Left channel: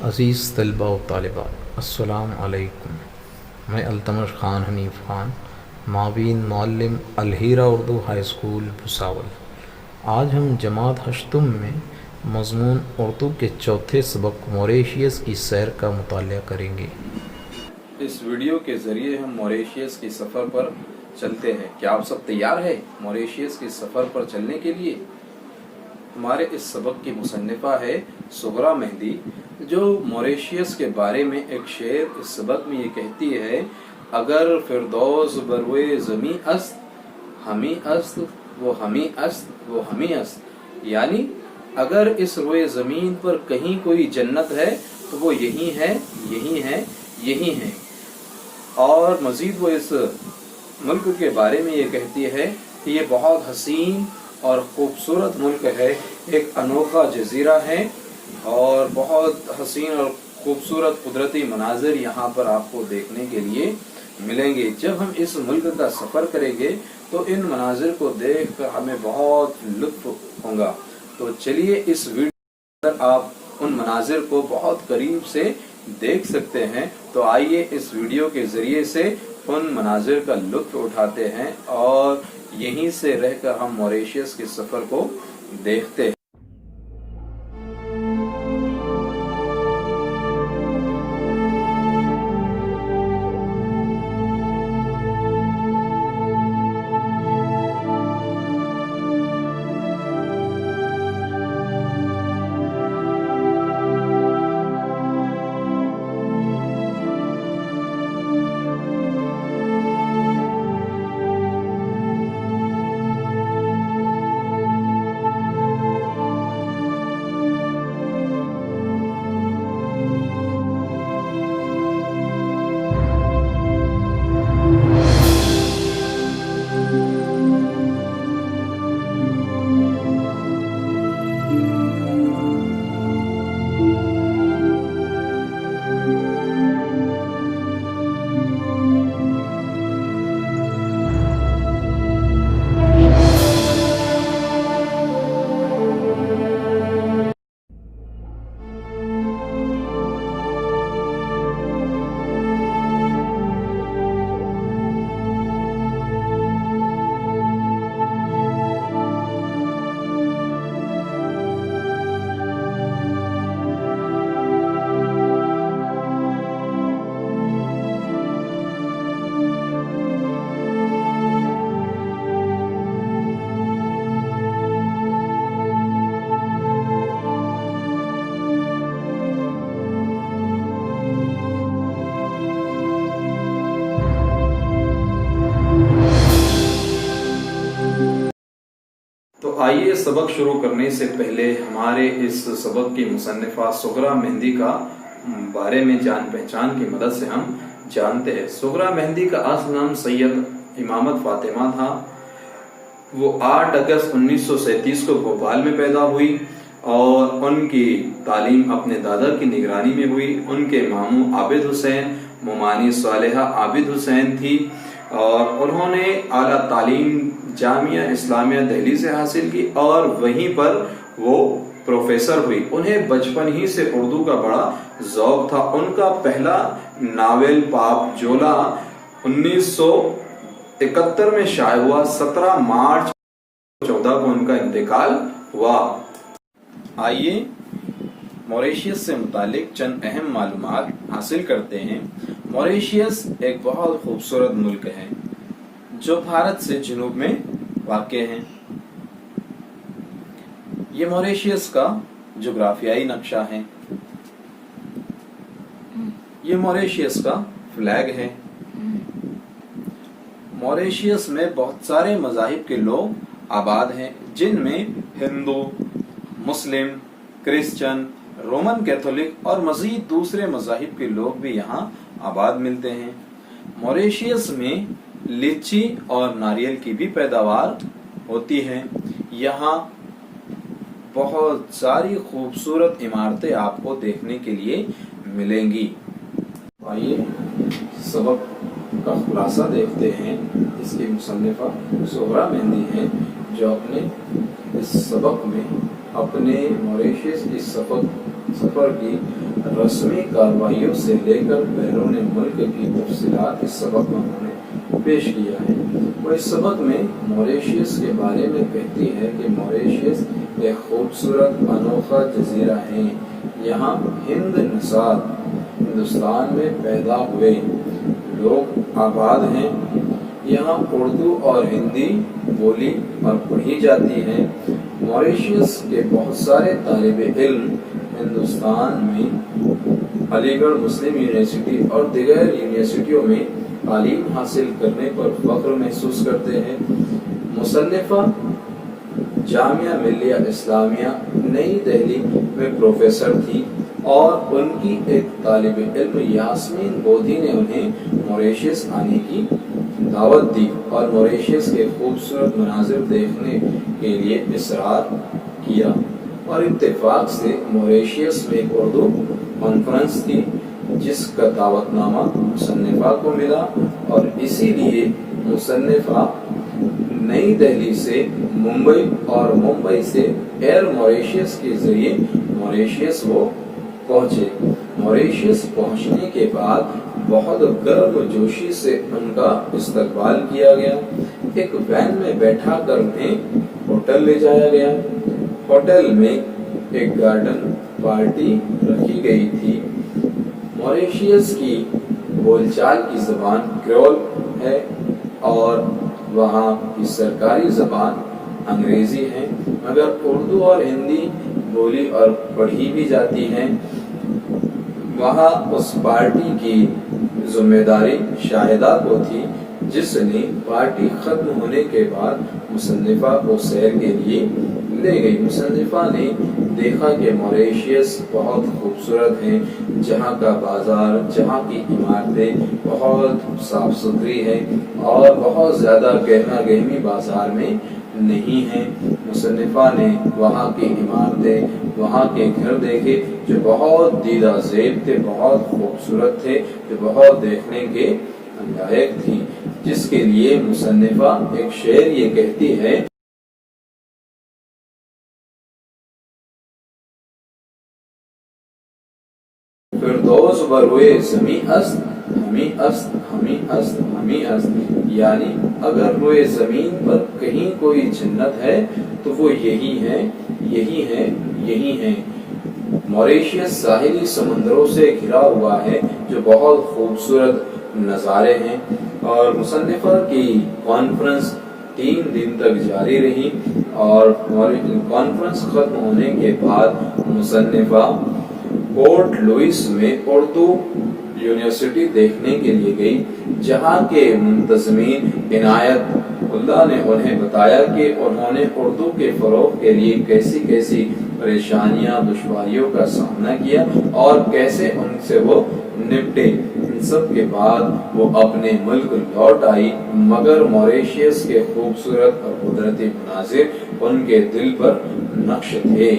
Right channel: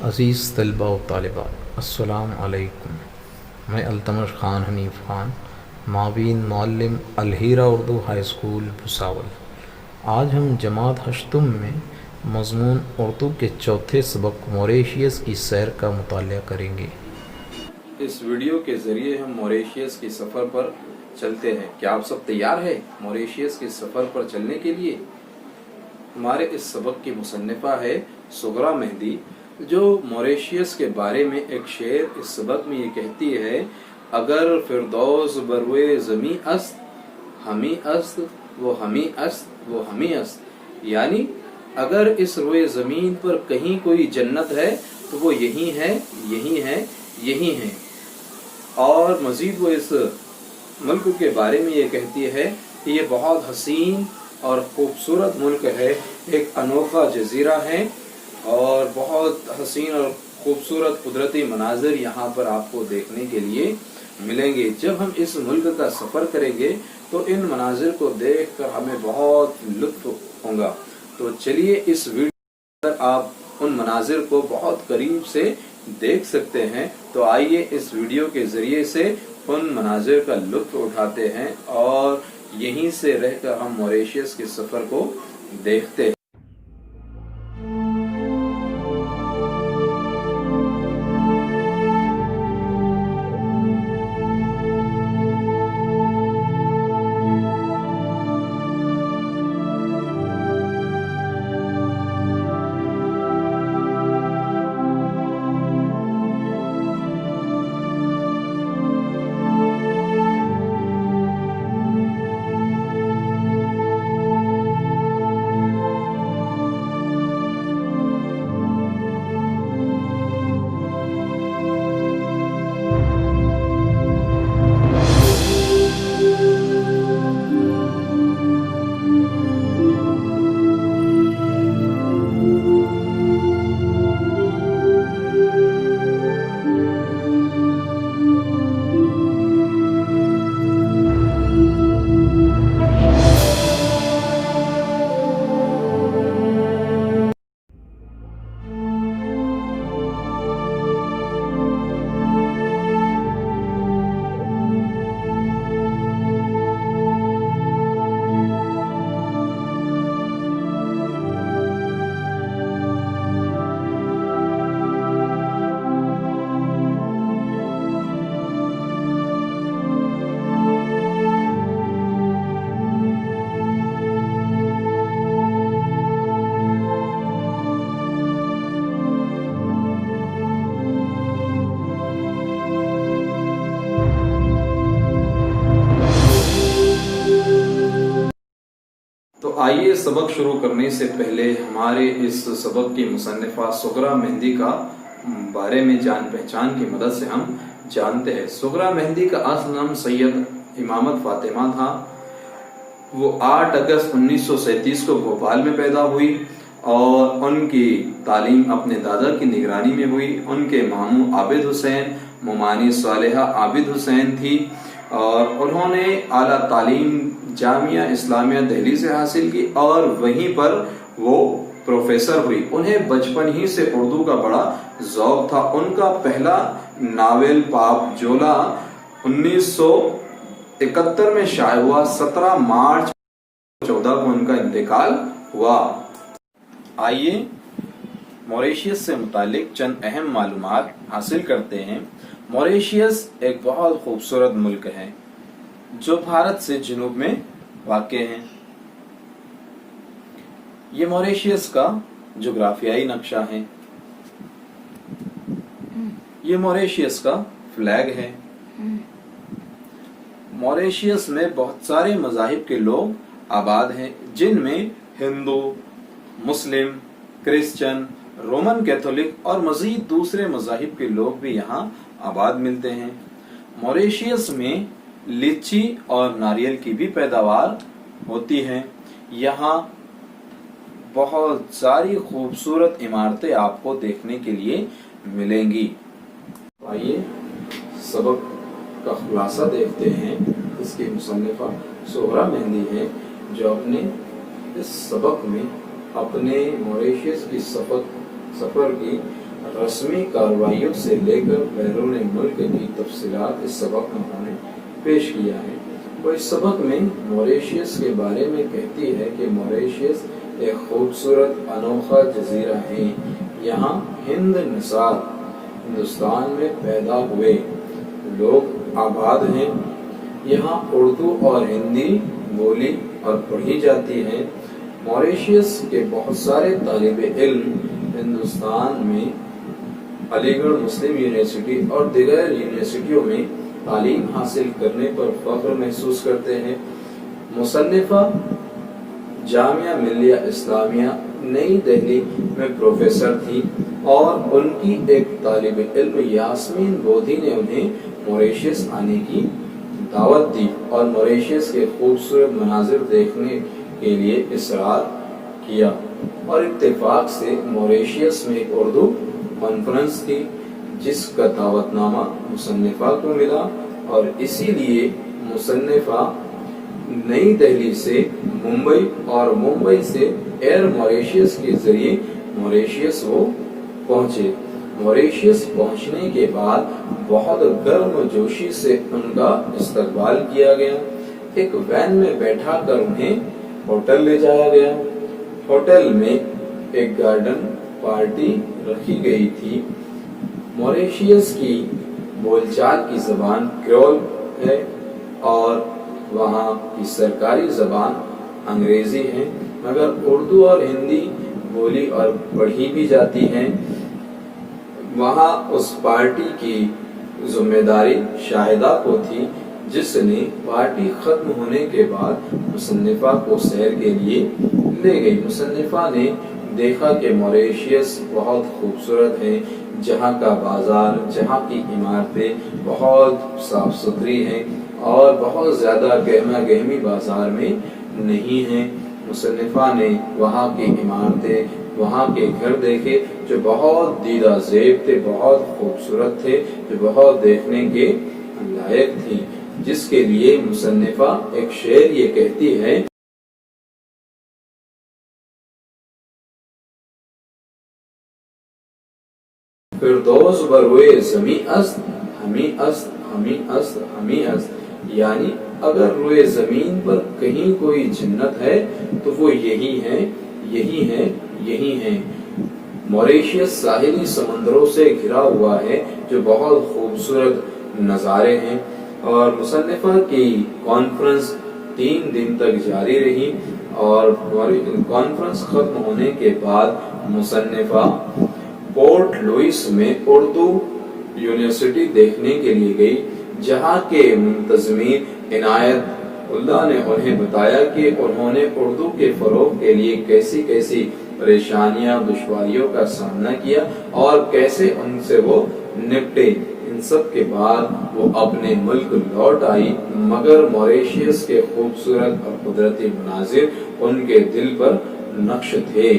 عزیز طلباء و طالبات، السلام علیکم۔ میں التمش خان حنیف خان، معاون معلم الہیرا اردو ہائی اسکول بھساول۔ آج ہم جماعت ہشتم میں مضمون اردو کے چوتھے سبق موریشیس کی سیر کا مطالعہ کریں گے۔ اس ویڈیو کے ذریعے ہم موریشیس کے سفر پر چلتے ہیں۔ کیا آپ سب تیار ہیں موریشیس کے سفر پر چلنے کے لیے؟ ہمارے اس سبق کی مصنفہ ہے سغرا مہندی، جو موریشیس کے بارے میں ایک شعر اس سبق میں یہ کہتی ہے: اگر فردوس بروئے زمیں است، ہمیں است وہ ہمیں است وہ ہمیں است، یعنی اگر اس روئے زمین پر کہیں کوئی جنت ہے تو وہ یہی ہے، یہی ہے، یہی ہے۔ اور مزید وہ اس ملک کے بارے میں یہ کہتی ہے کہ یہ بہت حسین اور خوبصورت ملک ہے، ایک انوکھا جزیرہ ہے اور بہت حسین اور خوبصورت قدرتی مناظر یہاں پر آپ کو دیکھنے کے لیے ملیں گے۔ جب ہم اس ملک کا سفر کریں گے تو ان مناظر کو دیکھ کر ہمیں بہت لطف ہوگا۔ تو چلیے اس ویڈیو پر آپ ان مناظر کو بہت قریب سے دیکھ سکتے ہیں، تو آئیے اس ویڈیو کے ذریعے سے ان مناظر کا لطف اٹھاتے ہیں اور یہیں سے رہ کر ہم موریشیس کے سفر کو دیکھتے ہیں۔ تو آئیے سبق شروع کرنے سے پہلے ہمارے اس سبق کی مصنفہ سغرا مہندی کا بارے میں جان پہچان کی مدد سے ہم جانتے ہیں۔ سغرا مہندی کا اصل نام سید امامت فاطمہ تھا۔ وہ 8 اگست 1937 کو بھوپال میں پیدا ہوئی اور ان کی تعلیم اپنے دادا کی نگرانی میں ہوئی۔ ان کے ماموں عابد حسین، ممانی صالحہ عابد حسین تھی اور انہوں نے اعلیٰ تعلیم جامعہ اسلامیہ دہلی سے حاصل کی اور وہیں پر وہ پروفیسر ہوئی۔ انہیں بچپن ہی سے اردو کا بڑا ذوق تھا۔ ان کا پہلا ناول پاپ جولا 1971 میں شائع ہوا۔ 17 مارچ 2014 کو ان کا انتقال ہوا۔ آئیے موریشیس سے متعلق چند اہم معلومات حاصل کرتے ہیں۔ موریشیس ایک بہت خوبصورت ملک ہے جو بھارت سے جنوب میں واقع ہے۔ یہ موریشیس کا جغرافیائی نقشہ ہے۔ یہ موریشیس کا فلیگ ہے۔ موریشیس میں بہت سارے مذاہب کے لوگ آباد ہیں، جن میں ہندو، مسلم، کرسچن، رومن کیتھولک اور مزید دوسرے مذاہب کے لوگ بھی یہاں آباد ملتے ہیں۔ موریشیس میں لیچی اور ناریل کی بھی پیداوار ہوتی ہے۔ یہاں بہت ساری خوبصورت عمارتیں آپ کو دیکھنے کے لیے ملیں گی۔ آئیے سبق کا خلاصہ دیکھتے ہیں۔ اس کی مصنفہ سغرا مہندی ہے، جو اپنے اس سبق میں اپنے موریشیس کی سفر کی रस्मी कार्रवाइयों से लेकर बैरून मुल्क की तफसीलात इस सबक में उन्होंने पेश किया है। और इस सबक में मॉरिशस के बारे में कहती है कि मॉरिशस एक खूबसूरत अनोखा जजीरा है। यहाँ हिंद नसार हिंदुस्तान में पैदा हुए लोग आबाद हैं। यहाँ उर्दू और हिंदी बोली और पढ़ी जाती है। मॉरिशस के बहुत सारे तालिबे इल्म हिंदुस्तान में अलीगढ़ मुस्लिम यूनिवर्सिटी और दीगर यूनिवर्सिटियों में तालीम हासिल करने पर फख्र महसूस करते हैं। मुसन्निफा जामिया मिलिया इस्लामिया नई दिल्ली में प्रोफेसर थी और उनकी एक तालिबे इल्म यास्मीन बोधी ने उन्हें मॉरिशस आने की दावत दी और मॉरिशस के खूबसूरत मनाजिर देखने के लिए इसरार किया। और इत्तेफाक से मॉरिशस में एक उर्दू कॉन्फ्रेंस थी जिसका दावतनामा मुसन्निफा को मिला और इसीलिए मुसन्निफा नई दिल्ली से मुंबई और मुंबई से एयर मॉरिशस के जरिए मॉरिशस वो पहुंचे। मॉरिशस पहुंचने के बाद बहुत गर्म जोशी से उनका इस्तकबाल किया गया। एक वैन में बैठा कर उन्हें होटल ले जाया गया। होटल में एक गार्डन पार्टी रखी गई थी। मॉरिशस की बोलचाल की जबान क्रेओल है और वहाँ की सरकारी जबान अंग्रेजी है, मगर उर्दू और हिंदी बोली और पढ़ी भी जाती हैं। वहाँ उस पार्टी की जिम्मेदारी शाहिदा को थी जिसने पार्टी खत्म होने के बाद मुसन्निफा को सैर के लिए ले गई। मुसन्निफा ने देखा कि मॉरिशस बहुत खूबसूरत है, जहाँ का बाजार, जहाँ की इमारतें बहुत साफ सुथरी हैं और बहुत ज़्यादा गहमा गहमी बाजार में नहीं है। मुसन्निफा ने वहाँ की इमारतें, वहाँ के घर देखे जो बहुत दीदा ज़ेब थे, बहुत खूबसूरत थे, जो बहुत देखने के लायक थी, जिसके लिए मुसन्निफा एक शेर ये कहती है, फिरदौस बरोए ज़मी अस्त हमी अस्त हमी अस्त हमी अस्त, यानी अगर रोए ज़मीन पर कहीं कोई जन्नत है तो वो यही है, यही है, यही है। मॉरिशस साहिली समंदरों से घिरा हुआ है जो बहुत खूबसूरत नज़ारे हैं। और मुसन्निफा की कॉन्फ्रेंस 3 दिन तक जारी रही और कॉन्फ्रेंस खत्म होने के बाद मुसन्निफा पोर्ट लुइस में उर्दू यूनिवर्सिटी देखने के लिए गई, जहाँ के मुंतज़मीन इनायत उल्लाह ने उन्हें बताया कि उन्होंने उर्दू के फ़रोग़ के लिए कैसी कैसी परेशानियां, दुश्वारियों का सामना किया और कैसे उनसे वो निपटे। इन सब के बाद वो अपने मुल्क लौट आई, मगर मॉरिशस के खूबसूरत और कुदरती मनाजिर उनके दिल पर नक्श थे।